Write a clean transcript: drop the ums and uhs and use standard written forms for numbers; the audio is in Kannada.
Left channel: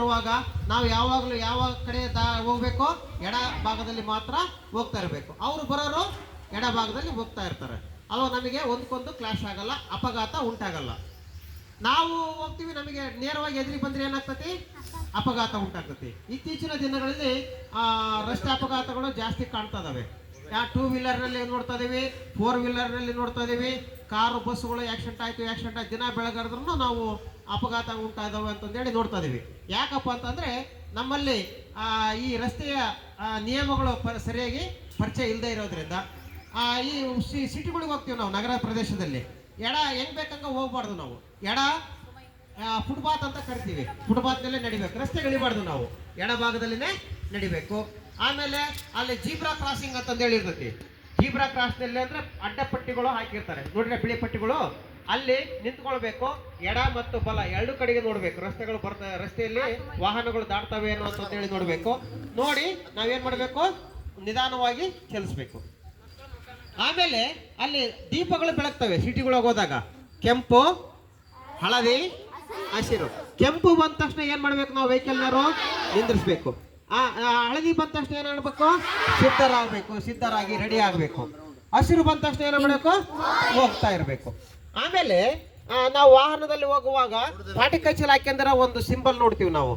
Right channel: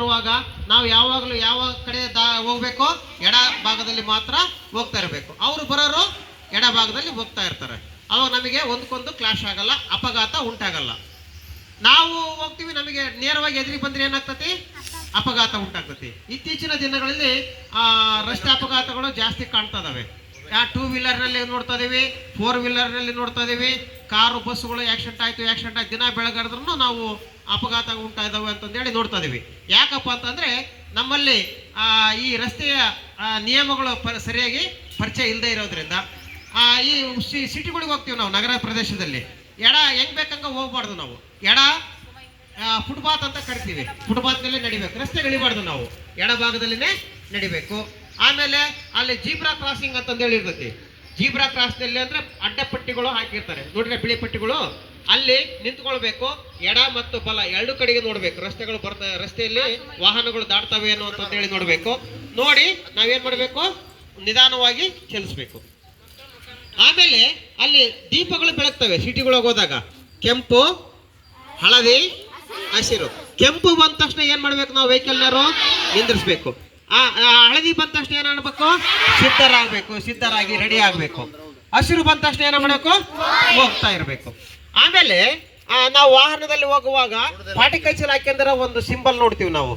ಬರುವಾಗ ನಾವು ಯಾವಾಗಲೂ ಯಾವ ಕಡೆ ಹೋಗ್ಬೇಕು, ಎಡ ಭಾಗದಲ್ಲಿ ಮಾತ್ರ ಹೋಗ್ತಾ ಇರಬೇಕು. ಅವರು ಬರೋರು ಎಡ ಭಾಗದಲ್ಲಿ ಹೋಗ್ತಾ ಇರ್ತಾರೆ. ಅವಾಗ ನಮಗೆ ಒಂದಕ್ಕೊಂದು ಕ್ಲಾಶ್ ಆಗಲ್ಲ, ಅಪಘಾತ ಉಂಟಾಗಲ್ಲ. ನಾವು ಹೋಗ್ತೀವಿ, ನಮಗೆ ನೇರವಾಗಿ ಎದುರಿಗೆ ಬಂದ್ರೆ ಏನಾಗ್ತತಿ, ಅಪಘಾತ ಉಂಟಾಗ್ತತಿ. ಇತ್ತೀಚಿನ ದಿನಗಳಲ್ಲಿ ರಸ್ತೆ ಅಪಘಾತಗಳು ಜಾಸ್ತಿ ಕಾಣ್ತಾ ಇದಾವೆ. 2 ವೀಲರ್ನಲ್ಲಿ ನೋಡ್ತಾ ಇದೀವಿ, 4 ವೀಲರ್ನಲ್ಲಿ ನೋಡ್ತಾ ಇದೀವಿ. ಕಾರು ಬಸ್ಸುಗಳು ಆಕ್ಸಿಡೆಂಟ್ ಆಯ್ತು ದಿನ ಬೆಳಗಾದ್ರೂ ನಾವು ಅಪಘಾತ ಉಂಟಾ ಇದಾವೆ ಅಂತಂದೇಳಿ ನೋಡ್ತಾ ಇದೀವಿ. ಯಾಕಪ್ಪ ಅಂತಂದ್ರೆ ನಮ್ಮಲ್ಲಿ ಈ ರಸ್ತೆಯ ನಿಯಮಗಳು ಸರಿಯಾಗಿ ಪರಿಚಯ ಇಲ್ಲದೆ ಇರೋದ್ರಿಂದ ಈ ಸಿಟಿಗಳಿಗೆ ಹೋಗ್ತೀವಿ ನಾವು, ನಗರ ಪ್ರದೇಶದಲ್ಲಿ ಎಡ ಹೆಂಗ್ ಬೇಕಂಗ ಹೋಗ್ಬಾರ್ದು. ನಾವು ಎಡ ಫುಟ್ಪಾತ್ ಅಂತ ಕರಿತೀವಿ, ಫುಟ್ಪಾತ್ನಲ್ಲೇ ನಡಿಬೇಕು, ರಸ್ತೆ ಇಳಿಬಾರ್ದು, ನಾವು ಎಡ ಭಾಗದಲ್ಲಿನೇ ನಡಿಬೇಕು. ಆಮೇಲೆ ಅಲ್ಲಿ ಜೀಬ್ರಾ ಕ್ರಾಸಿಂಗ್ ಅಂತಂದೇಳಿ ಇರ್ತೈತಿ. ಜೀಬ್ರಾ ಕ್ರಾಸ್ನಲ್ಲಿ ಅಂದ್ರೆ ಅಡ್ಡಪಟ್ಟಿಗಳು ಹಾಕಿರ್ತಾರೆ ನೋಡ್ರಿ, ಬಿಳಿ ಪಟ್ಟಿಗಳು, ಅಲ್ಲಿ ನಿಂತ್ಕೊಳ್ಬೇಕು. ಎಡ ಮತ್ತು ಬಲ ಎರಡು ಕಡೆಗೆ ನೋಡ್ಬೇಕು. ರಸ್ತೆಗಳು ರಸ್ತೆಯಲ್ಲಿ ವಾಹನಗಳು ದಾಟ್ತವೆ ಅನ್ನೋ ಅಂತಂದೇಳಿ ನೋಡ್ಬೇಕು. ನೋಡಿ ನಾವೇನ್ ಮಾಡ್ಬೇಕು, ನಿಧಾನವಾಗಿ ಚಲಿಸ್ಬೇಕು. ಆಮೇಲೆ ಅಲ್ಲಿ ದೀಪಗಳು ಬೆಳಗ್ತವೆ ಸಿಟಿಗಳಿಗೆ ಹೋದಾಗ, ಕೆಂಪು, ಹಳದಿ, ಹಸಿರು. ಕೆಂಪು ಬಂದ ತಕ್ಷಣ ಏನ್ ಮಾಡ್ಬೇಕು, ನಾವು ವೆಹಿಕಲ್ನರು ನಿಂದಿರಿಸ್ಬೇಕು. ಹಳದಿ ಬಂದ ತಕ್ಷಣ ಏನ್ ಮಾಡ್ಬೇಕು, ಸಿದ್ಧರಾಗಿ ರೆಡಿ ಆಗ್ಬೇಕು. ಹಸಿರು ಬಂದ ತಕ್ಷಣ ಏನ ಮಾಡ್ಬೇಕು, ಹೋಗ್ತಾ ಇರ್ಬೇಕು. ಆಮೇಲೆ ನಾವು ವಾಹನದಲ್ಲಿ ಹೋಗುವಾಗ ಪಾಟಿ ಕೈಚಲ್ ಹಾಕ್ಯಂದ್ರೆ ಒಂದು ಸಿಂಬಲ್ ನೋಡ್ತೀವಿ ನಾವು.